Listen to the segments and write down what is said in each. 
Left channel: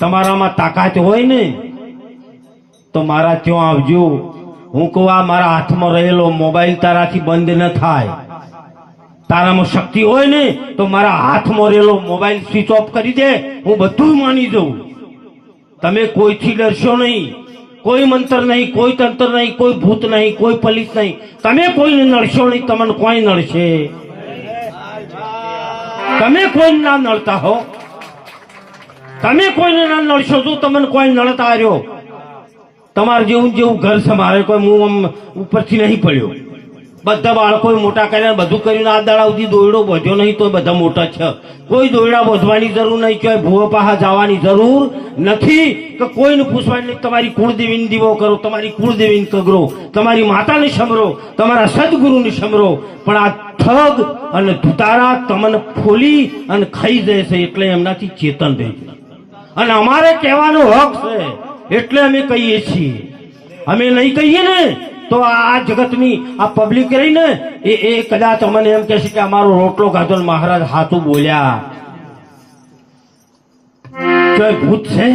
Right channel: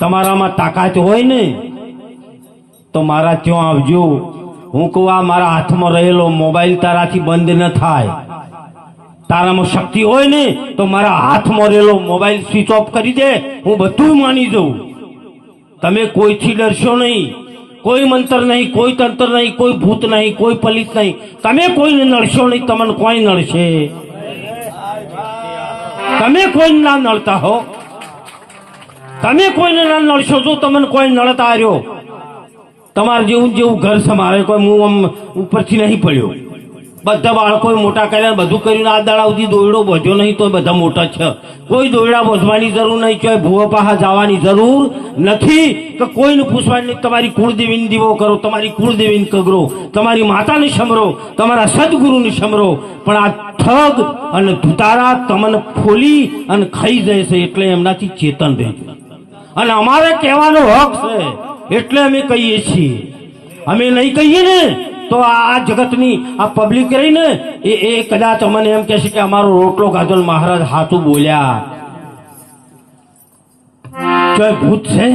તમારામાં તાકાત હોય ને તો મારા ત્યાં આવજો. હું કહું આ મારા હાથમાં રહેલો મોબાઈલ તારાથી બંધ ન થાય. તારામાં શક્તિ હોય ને તો મારા હાથમાં રહેલો મોબાઈલ સ્વિચ ઓફ કરી દે, હું બધું માની જાઉં. તમે કોઈથી ડરશો નહીં, કોઈ મંત્ર નહીં, કોઈ તંત્ર નહીં, કોઈ ભૂત નહીં, કોઈ પલિત નહીં. તમે કોઈને નડશો નહીં, તમને કોઈ નડશે? તમે કોઈ ના નડતા હો, તમે કોઈને ના નડશો તો તમને કોઈ નડતા રહ્યો. તમારે જેવું જેવું ઘર છે મારે, કોઈ હું આમ ઉપરથી નહીં પડ્યો. બધા બાળકો મોટા કર્યા, બધું કર્યું. આ દાડા સુધી દોયડો બધ્યો નહીં તો બધા મોટા છે. કોઈ દોયડા બોધવાની જરૂર નહીં, કોઈ ભૂવા પાહા જવાની જરૂર નથી, કે કોઈને પૂછવાની નહીં. તમારી કુળદેવીને દીવો કરો, તમારી કુળદેવીને કગરો, તમારી માતાને સમરો, તમારા સદગુરુને સમરો. પણ આ ઠગ અને ધુતારા તમને ફોલી અને ખાઈ જાય છે, એટલે એમનાથી ચેતન રહેજો. અને અમારે કહેવાનો હક છે એટલે અમે કહીએ છીએ. અમે નહીં કહીએ ને તો આ જગતની આ પબ્લિક રહી ને એ કદાચ અમને એમ કહેશે કે અમારો રોટલો ખાધો મહારાજ હાથું બોલ્યા. ચોય ભૂત છે,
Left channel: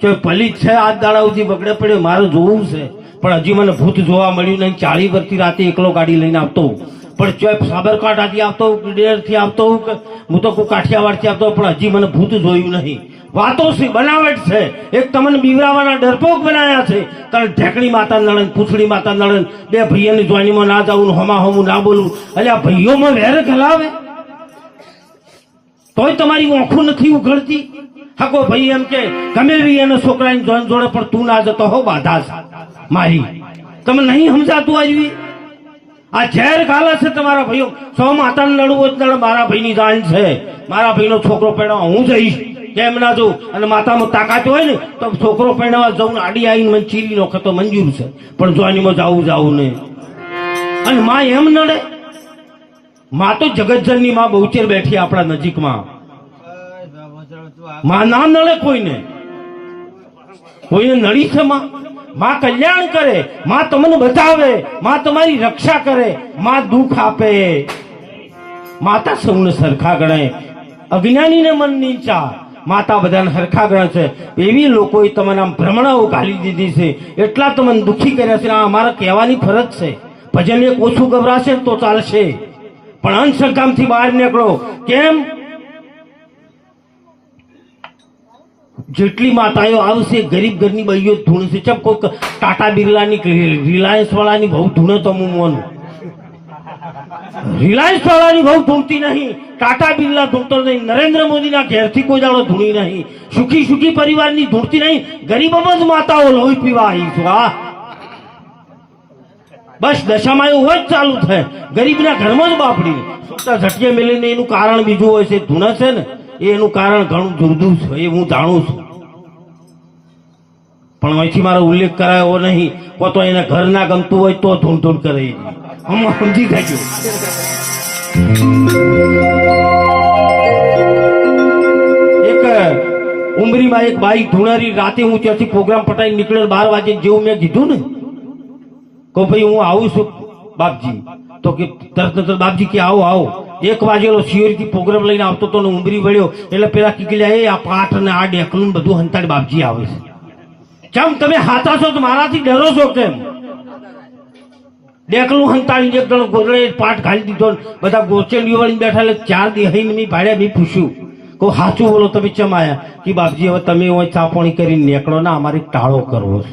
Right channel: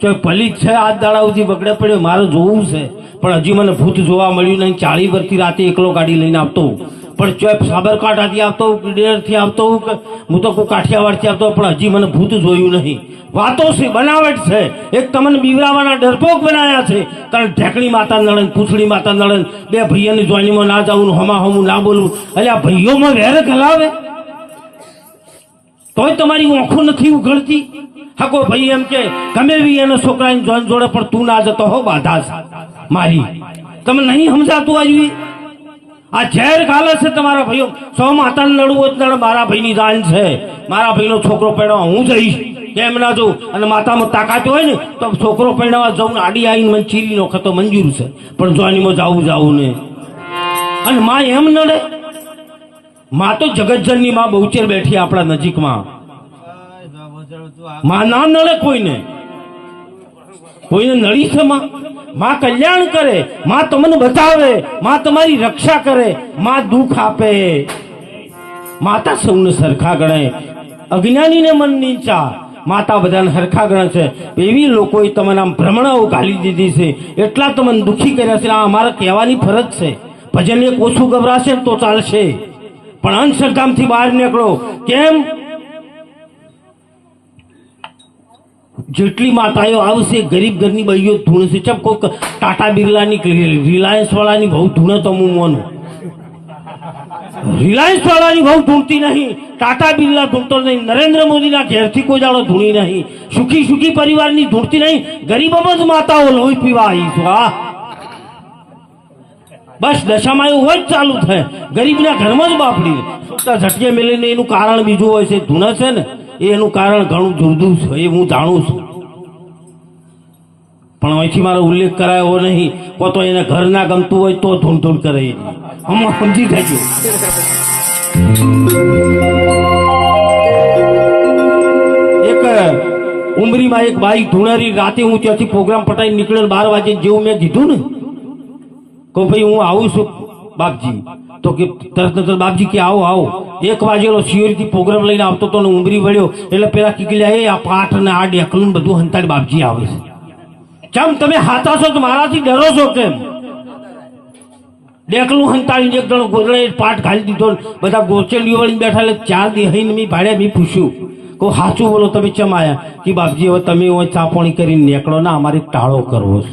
ચોય પલિત છે, આ દાડા સુધી બગડે પડ્યો. મારે જોવું છે પણ હજી મને ભૂત જોવા મળ્યું નહીં. 40 વર્ષથી રાતે એકલો ગાડી લઈને આવતો, પણ ચોય સાબરકાંઠાથી આવતો, ડેરથી આવતો, હું તો કોઈ કાઠિયાવાડથી આવતો, પણ હજી મને ભૂત જોયું નહીં. વાતો છે, બનાવટ છે. એક તમને બીવરાવાના ડરપોક બનાવ્યા છે. કારણ ઢેકણી માતા નળન, પૂછડી માતા નળન, બે ભાઈઓની જોઈનીમાં ના જાવું, હમા હમું ના બોલવું. એટલે આ ભાઈઓમાં વેર ગલાવે તોય તમારી ઓંખું નથી ઉઘડતી. હાકો ભાઈ એમ કે ગમે બી એના છોકરાની જોઈન જોડે, પણ તું ના જતો હો, બાધા મારી. તમે નહીં સમજાતું આવી. આ ઝેર ગાલે છે તમારા ભાઈઓ. સૌ માતાને લડવું જ મારા ભાઈની જાન છે. મારા ભાઈનો છોકરો પેડવા હું જઈશ, કેમ ના જવું? અને માતામાં તાકાત હોય ને તો છોકરો પહેરવા જવું, આડી આવીને મને ચીરી નો ખતો મંજૂર છે, પણ જોઈનીમાં જાવું ને. અને માં એમ નડે? માં તો જગતજનની માં બહુચેર બેઠી આપણા નજીકમાં. માં ના નડે કોઈને, કોઈને નડી છે માં? માં કલ્યાણ કરે, માં તમને બચાવે, માં તમારી રક્ષા કરે, માં દુઃખ આપે. માતા સૌને સરખા ગણે, અજ્ઞાનીને મન નીચા. માતા બધાને સરખા ગણે છે. એવી લોકોએ તમને આમ ભ્રમણાઓ ઘાલી દીધી છે, એટલા તમને દુઃખી કર્યા છે. આ અમારે કહેવાની ફરજ છે. ભજન એક ઓછું ગભરાશે તો ચાલશે, પણ અંશકામથી બહાર નીકળો. કેમ? જેટલી માતાઓ આવશે ગરીબ ઘરની બહીઓ ધૂણશે. ચમ કોઈ ટાટા બિરલાની, રિલાયન્સ વાળાની બહુ ધૂણે તો હું મોનું. રિલાયન્સ વાળાની બહુ ધૂણતી નહીં, ટાટા બિરલા ધૂણતો નહીં, નરેન્દ્ર મોદીના ઘેરથી કોઈ દાડો ધૂણી નહીં, સુખી સુખી પરિવારની ધૂણતી નહીં. ગરીબોમાં જ માતાઓ લોહી પીવા આવી છું. આ બસ દશામાં એવું જ ચાલુ થાય. ગરીબના ઘરમાં જ બાપડી ઝટકે મેળીને એનું કારણ બીજું હોય છે. ધૂણે છે ને એનું કારણ ઘણું જુદું છે, એ હું જાણું છું. પણ અહીંથી મારો ઉલ્લેખ કરાયો નહીં. કો તો એને ઘર ના ગમતું હોય તો ધૂણ ધૂણ કરે. હમણાં સમજી જાય. એક ઉમરીમાં એક બાઈ ધૂણારી, રાતે હું ત્યાંથી પ્રોગ્રામ પટાઈ નીકળેલ 12 વાગે જેવું મેં કીધું ને, કહું ભાઈ હું આવું છું બાપજી. તો કે તરત બાપજી કે આવો આવો. 1 વાગેલો સિયોરિટી પ્રોગ્રામ લઈને આવતો તો ઉમરી વળ્યો એટલે પેલા કીકલ્યા એ આ પાઠ ને આ ડેકલું બધું હંતાડી બાપજી આવે છે. ચમ તમે હાથા છો તો મારાથી ડરો છો કેમ? ડેકલું હંતાડીને એક જણો ગોદડે પાઠ ઘાલી દીધો, બધા ગોચેલી વળીને બેઠા. એટલે 4 દી હઈને મેં ભાડ્યા. મેં પૂછ્યું કહું સાચું બોલો તમે ચમ આયા? કે બાપજી હવે તમે ચાપોણી કરીને નીકળો ને, અમારે ટાળો કરવો છે.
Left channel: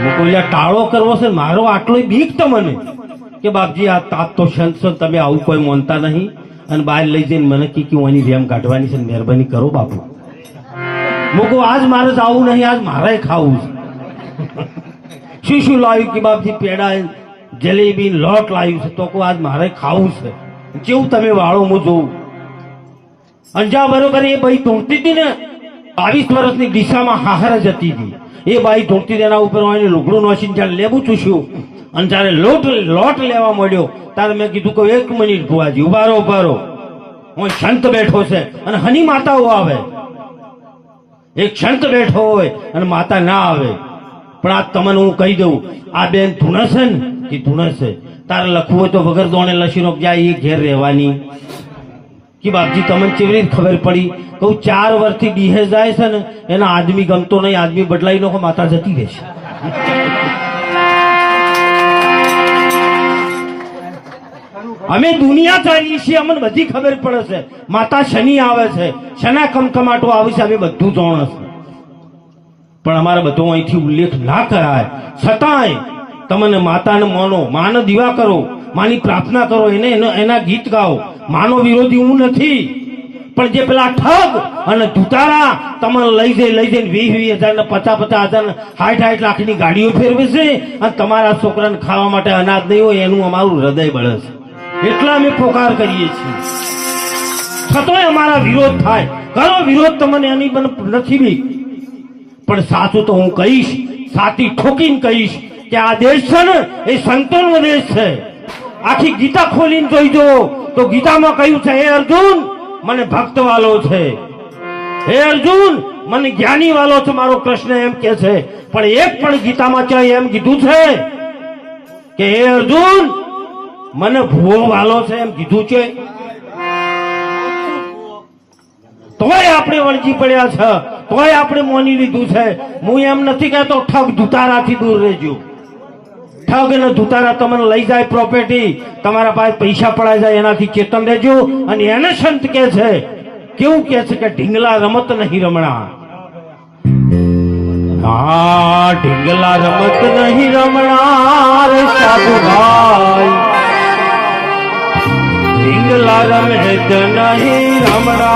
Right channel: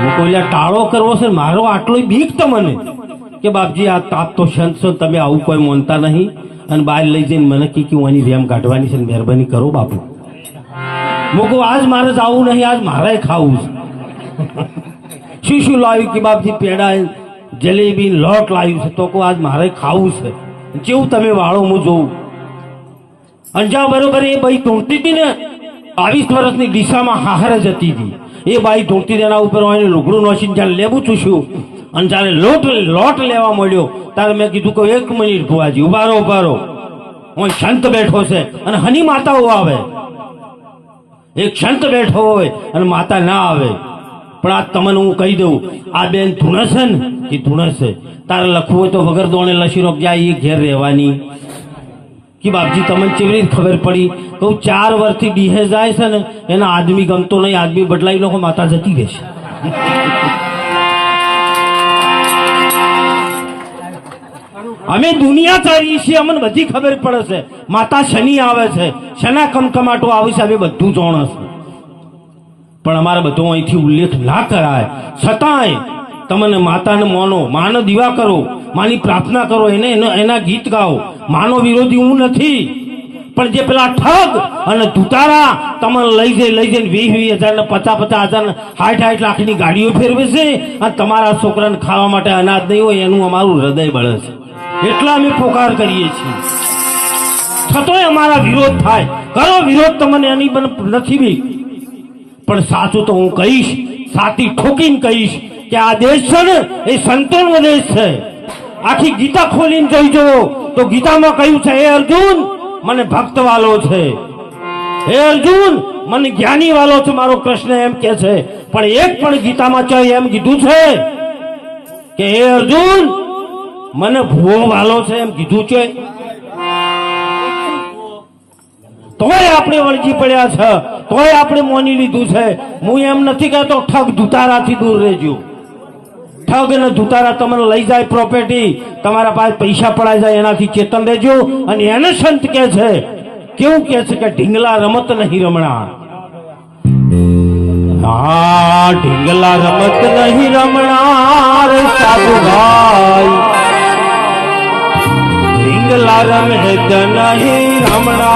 હું કહું ટાળો કરવો છે મારો? આટલો બીક તમને? કે બાપજી આ તાપ તો સંત છો, તમે આવું કોઈ માનતા નહીં. અને બહાર લઈ જઈને મને કે ઓની વેમ કાઢવાની છે, મહેરબાની કરો બાપુ. હું કહું આજ મારે જ આવું નહીં, આજ મારે ખાવું છે. શું લાવ્યું? કે બાપજી પેડા, જલેબી, લોટ લાવ્યું છે. તો કહું આજ મારે ખાવું છે. જેવું તમે વાળો હું જોઉં. અંજા બરોબર એ ભાઈ ધૂણતી હતી ને, 22 વર્ષની દિશામાં હાહર જ હતી. એ બાઈ ધૂણતી તેના ઉપર લુગડું નોસીને જયારે લેવું ચૂસ્યું અને જયારે લોટ લેવા મળ્યો ત્યારે મેં કીધું કે 1 મિનિટ ભુવાજી ઉભારો. હું સંત બેઠો છે અને હની માતાઓ આવે. એક સંત બેઠો હોય અને માતા ના આવે. પણ આ તમને હું કહી દઉં, આ બેન ધૂણે છે ને, એ ધૂણે છે. તારે લખવું તો વગર દોણે લસીનો ક્યાં એ ઘેર રહેવાની. કે બાપજી તમને કેવી રીતે ખબર પડી? કહું 4 વર્ષથી ડીહે જાય છે ને એના આદમી ગમતો નહીં, આદમી બદલાઈ નો માતા જતી રહેશે. અમે દુનિયા ચાલીએ છીએ, અમને બધી ખબર પડે છે. માતા શનિ આવે છે, શના કમકમાટો આવે છે, અમે બધું જાણે છે. પણ અમારે બધો અહીંથી ઉલ્લેખ ના કરાય. છતાંય તમને માતાને માનો, માનો દીવા કરો, માની પ્રાર્થના કરો, એના ગીત ગાઓ. માનો વિરોધી હું નથી, પણ જે પેલા ઠગ અને ધુતારા તમને લઈ જઈને 20,000 ને 50,000 ને 60 લાખની ગાડીઓ ફેરવે છે અને તમારા છોકરાને ખાવા માટે અનાજ નહીં હોય, એનું અમારું હૃદય બળે છે. એટલા અમે પોકાર કરીએ છીએ. છતોય અમારા વિરોધ થાય. કરો વિરોધ, તમને એની નથી બી, પણ સાચું તો હું કહીશ, સાચી ઠોકીને કહીશ કે આ દેશ છે ને એ સંતોનો દેશ છે. આખી ગીતા ખોલીને જોઈજો તો ગીતામાં કહ્યું છે, હે અર્જુન મને ભક્ત વાલો છે, હે અર્જુન મને જ્ઞાની વાલો છે, મારો કૃષ્ણ એમ કે છે. પણ એક પણ ગીતામાં ચાહે એમ કીધું છે કે હે અર્જુન મને ભૂવો વાલો છે, એમ કીધું છે? તોય આપણે વળગી પડ્યા છે, તોય આપણે મોની લીધું છે. હું એમ નથી કહેતો ઠગ ધુતારાથી દૂર રહેજો. ઠગ અને ધુતારા તમને લઈ જાય પ્રોપર્ટી, તમારા પાસે પૈસા પડાઈ જાય, એનાથી ચેતન રહેજો. અને એને સંત કે છે, કેવું કે છે કે ઢીંગલા રમત નહીં રમણા. હા, ઢીંગલા રમત નહીં રમણા રે સાધુ ભાઈ, ઢીંગલા રમત નહીં રમણા.